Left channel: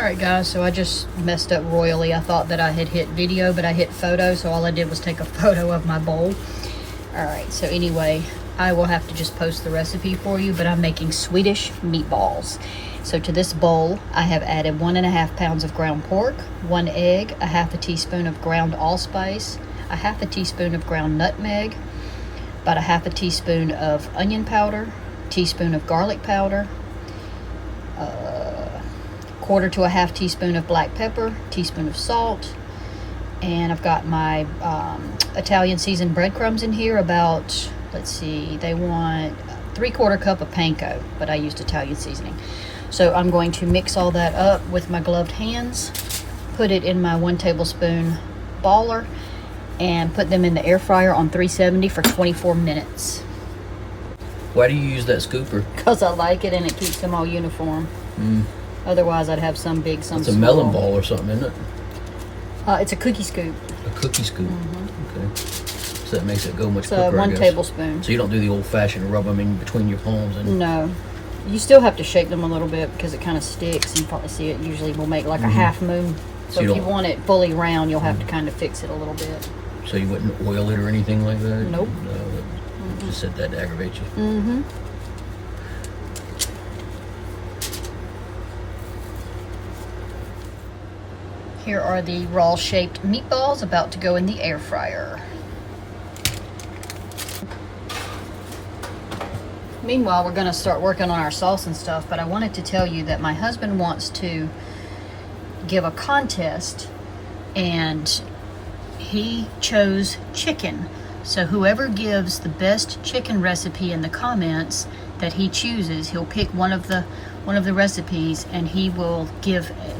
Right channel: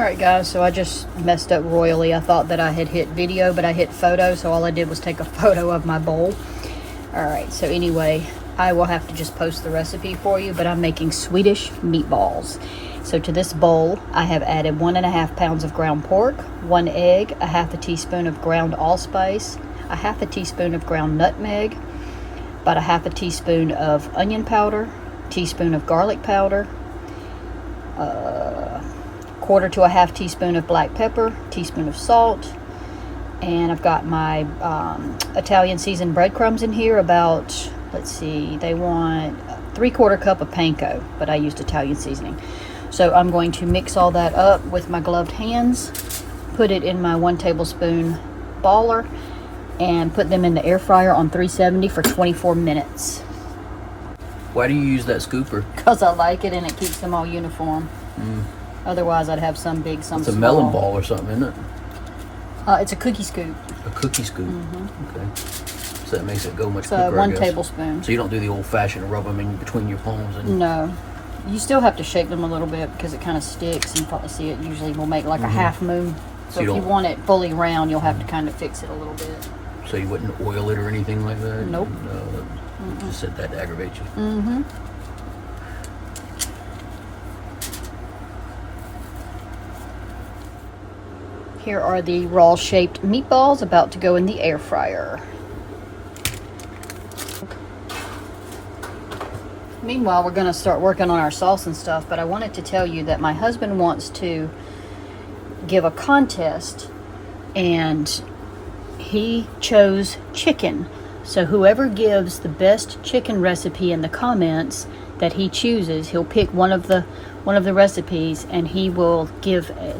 Alright guys, so I just messed up royally. I thought that I had hit video, but I hit photo, so all I did was take a photo of my bowl. Alright, so anyway, I will have to just post the recipe for you, but I'm making Swedish meatballs. So to this bowl, I have added 1.5 pounds of ground pork, 1 egg, a half a teaspoon of ground allspice, a half a teaspoon of ground nutmeg, about a half a teaspoon of onion powder, teaspoon of garlic powder, quarter to a half teaspoon of black pepper, teaspoon of salt, and I've got my Italian seasoned breadcrumbs in here. About, let's see, they want 3/4 cup of panko, but I used Italian seasoning. So I'm going to mix all that up with my gloved hands, put it in my 1 tablespoon baller, and put them in the air fryer on 370 for 24 minutes. Why do you use that scooper? Because I like it and it keeps them all uniform. Otherwise I'd have some big, some small. It's a melon ball or something, isn't it? It's a cookie scoop. A cookie scoop. Okay. So that makes it go much quicker, So 1 I guess. tablespoon. So you don't do the old-fashioned rub them in between your palms? And... No. You still have to shake them a little bit because it kind of sticks. You probably see it usually will make like a half moon. So if you want it fully round, you'll have to kind of fix it a little bit. So you wouldn't oil it or anything like that? Nope. No, just said that to aggravate you. Here are the raw shaped meatballs about to go in the air fryer. Meanwhile, we're going to start working on our sauce and stuff, but I wanted to tell you that my husband wants to give a contest, and he chose chicken. So whoever gives the best chicken recipe in the comments that he chooses, he'll pick one of the recipes, and he will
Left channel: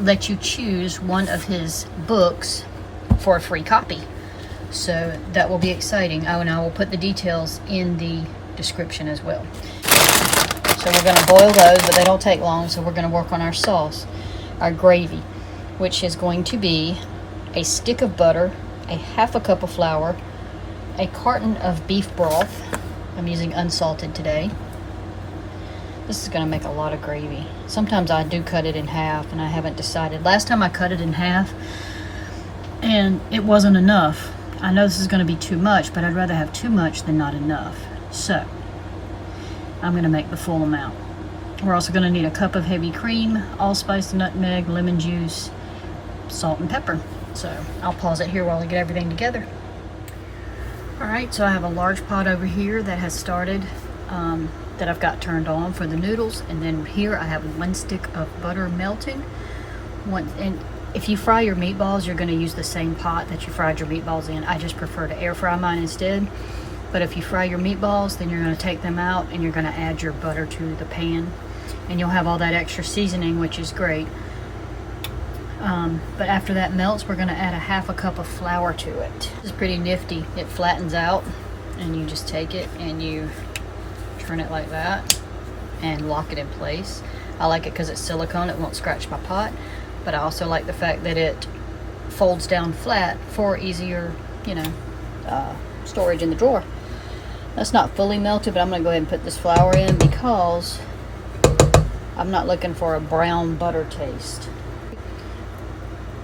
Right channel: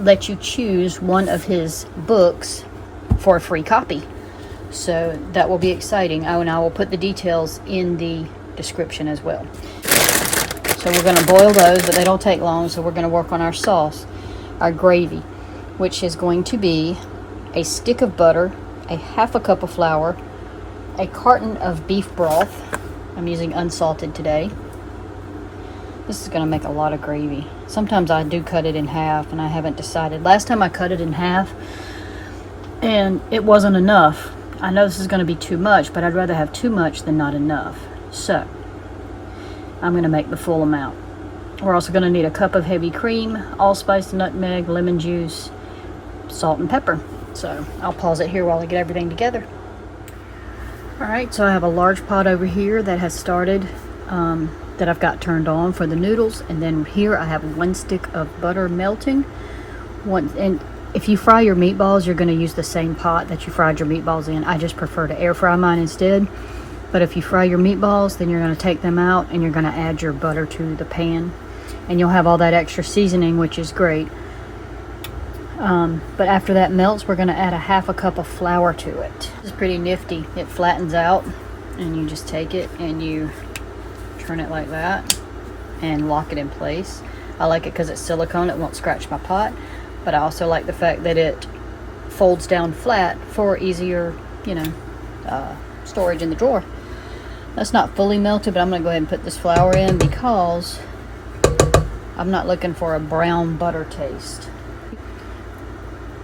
let you choose one of his books for a free copy. So that will be exciting. And I will put the details in the description as well. So we're going to boil those, but they don't take long. So we're going to work on our sauce, our gravy, which is going to be a stick of butter, a half a cup of flour, a carton of beef broth. I'm using unsalted today. This is going to make a lot of gravy. Sometimes I do cut it in half, and I haven't decided. Last time I cut it in half, and it wasn't enough. I know this is going to be too much, but I'd rather have too much than not enough. So I'm going to make the full amount. We're also going to need a cup of heavy cream, allspice, nutmeg, lemon juice, salt, and pepper. So I'll pause it here while I get everything together. Alright, so I have a large pot over here that has started, that I've got turned on for the noodles, and then here I have 1 stick of butter melting. And if you fry your meatballs, you're going to use the same pot that you fried your meatballs in. I just prefer to air fry mine instead. But if you fry your meatballs, then you're going to take them out and you're going to add your butter to the pan, and you'll have all that extra seasoning, which is great. But after that melts, we're going to add a half a cup of flour to it. It's pretty nifty. It flattens out, and you just take it and you turn it like that and lock it in place. I like it because it's silicone, it won't scratch my pot, but I also like the fact that it folds down flat for easier, storage in the drawer. That's not fully melted, but I'm going to go ahead and put this flour in because I'm not looking for a brown butter taste.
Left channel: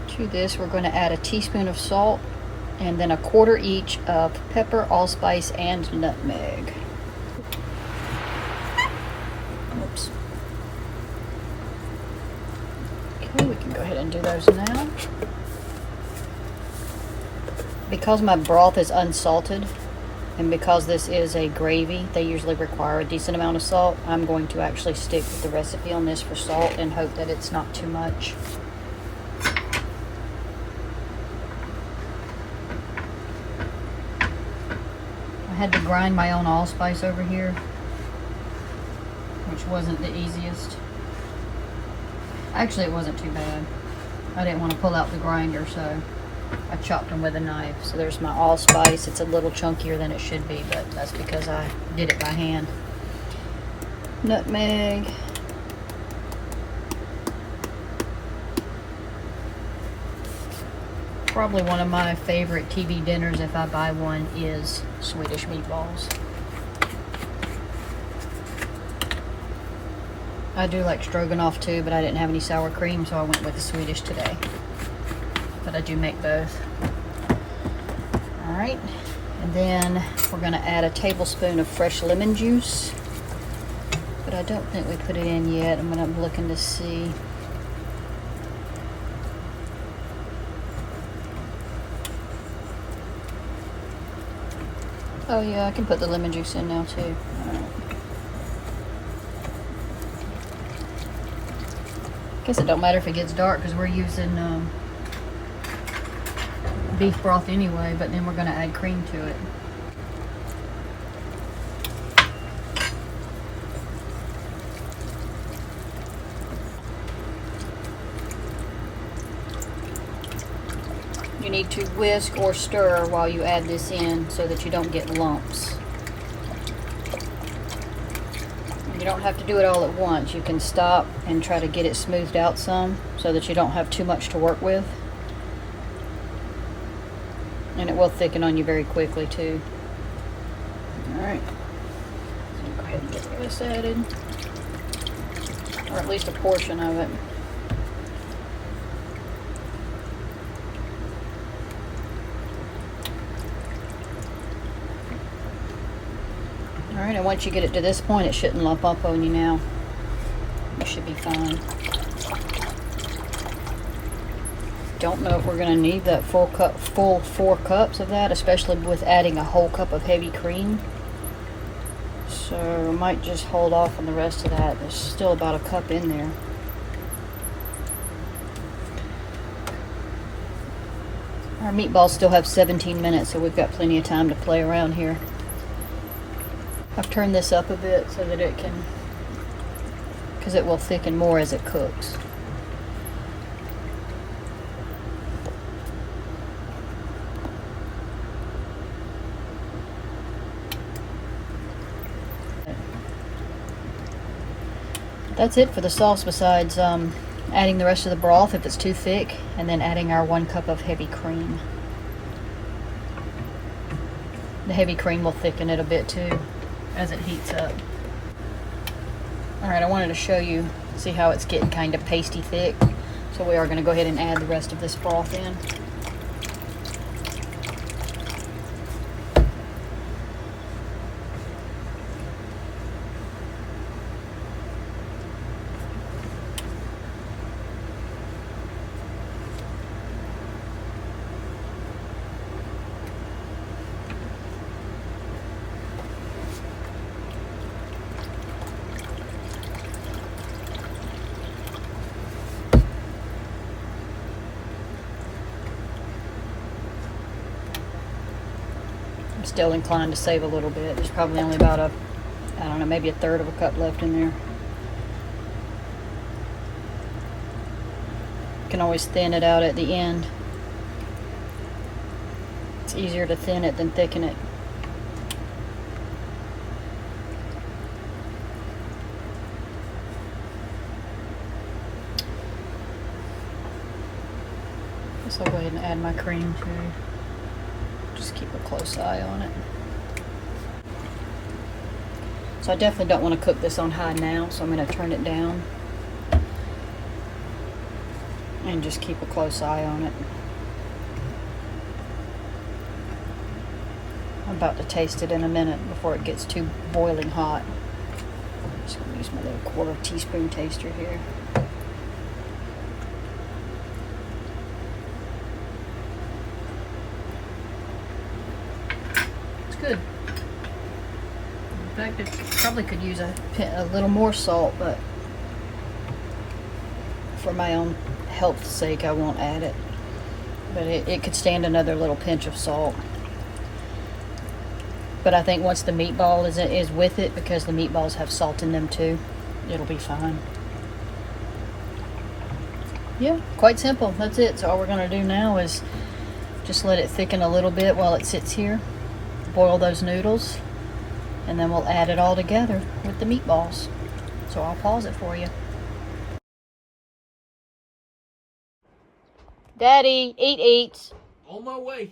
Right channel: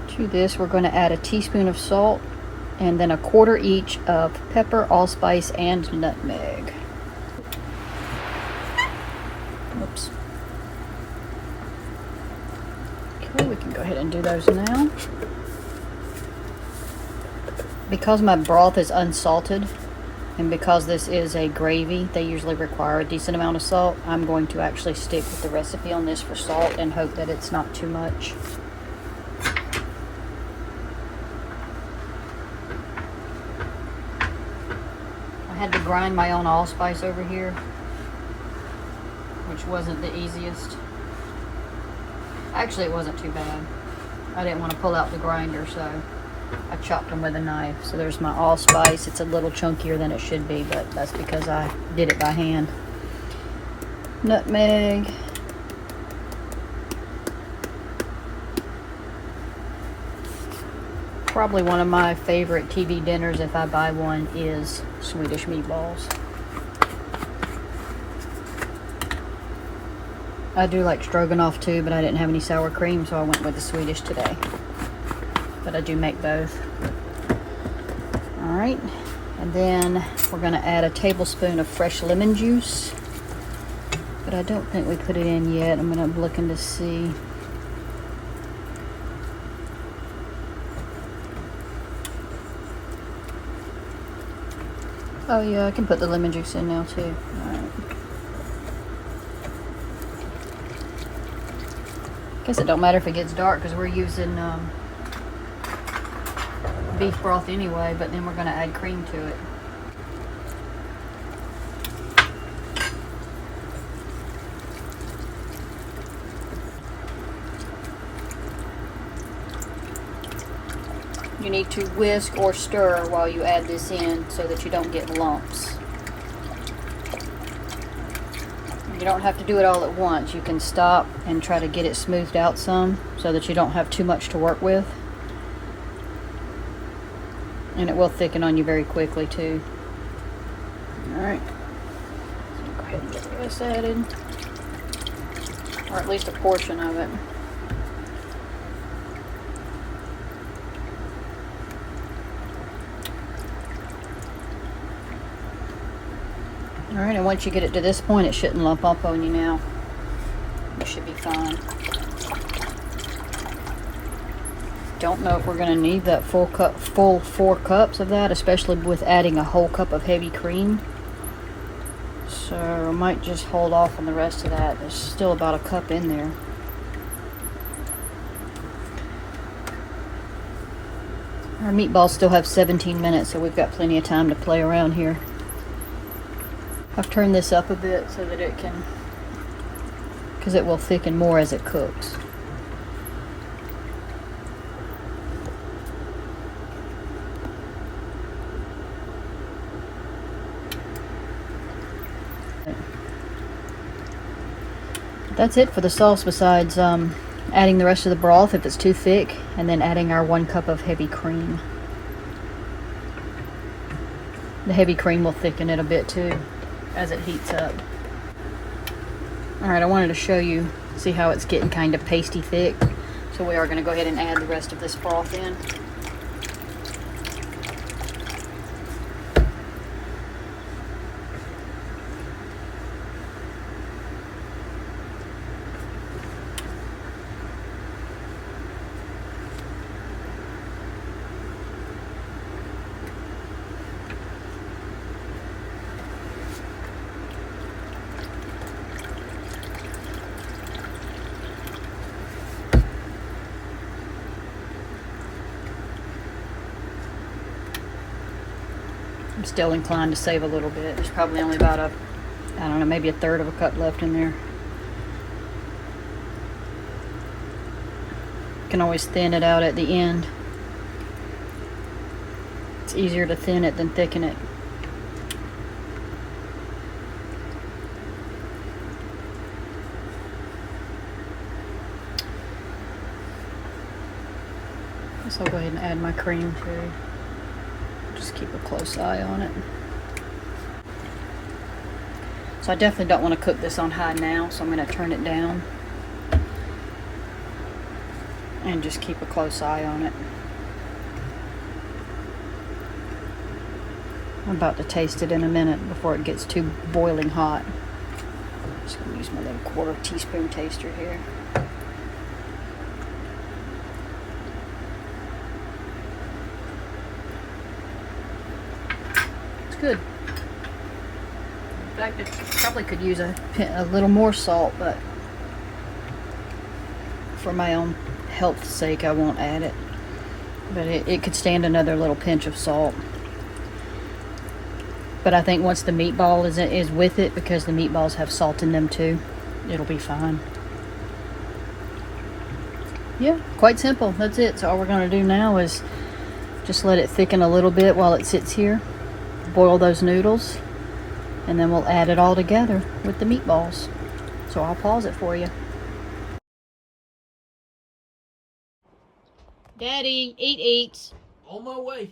To this, we're going to add a teaspoon of salt and then a quarter each of pepper, allspice, and nutmeg. Oops. Okay, we can go ahead and do those now. Because my broth is unsalted, and because this is a gravy, they usually require a decent amount of salt. I'm going to actually stick with the recipe on this for salt and hope that it's not too much. I had to grind my own allspice over here, which wasn't the easiest. Actually, it wasn't too bad. I didn't want to pull out the grinder, so I chopped them with a knife. So there's my allspice. It's a little chunkier than it should be, but that's because I did it by hand. Nutmeg. Probably one of my favorite TV dinners, if I buy one, is Swedish meatballs. I do like stroganoff too, but I didn't have any sour cream, so I went with the Swedish today. But I do make both. All right, and then we're gonna add a tablespoon of fresh lemon juice. But I don't think we put it in yet. I'm looking to see. Oh yeah, I can put the lemon juice in now too. Right. Guess it don't matter if it gets dark because we're using beef broth anyway, but then we're going to add cream to it. You need to whisk or stir while you add this in so that you don't get lumps. You don't have to do it all at once. You can stop and try to get it smoothed out some so that you don't have too much to work with. And it will thicken on you very quickly too. Alright. So go ahead and get this added. Or at least a portion of it. Alright, and once you get it to this point, it shouldn't lump up on you now. You should be fine. Don't know if we're going to need that full 4 cups of that, especially with adding a whole cup of heavy cream. So I might just hold off on the rest of that. There's still about a cup in there. Our meatballs still have 17 minutes, so we've got plenty of time to play around here. I've turned this up a bit so that it can, because it will thicken more as it cooks. That's it for the sauce, besides adding the rest of the broth if it's too thick, and then adding our 1 cup of heavy cream. The heavy cream will thicken it a bit too as it heats up. Alright, I wanted to show you, see how it's getting kind of pasty thick. So we are going to go ahead and add the rest of this broth in. I'm still inclined to save a little bit. There's probably only about I don't know, maybe a third of a cup left in there. You can always thin it out at the end. It's easier to thin it than thicken it. So I'll go ahead and add my cream too. Just keep a close eye on it. So I definitely don't want to cook this on high now, so I'm going to turn it down and just keep a close eye on it. I'm about to taste it in a minute before it gets too boiling hot. Just going to use my little 1/4 teaspoon taster here. Good. In fact, I probably could use a little more salt, but for my own health's sake, I won't add it. But it could stand another little pinch of salt. But I think once the meatball is with it, because the meatballs have salt in them too, it'll be fine. Yeah, quite simple. That's it. So all we're going to do now is just let it thicken a little bit while it sits here. Boil those noodles, and then we'll add it all together with the meatballs. So I'll pause it for you. Daddy, eat. On my way.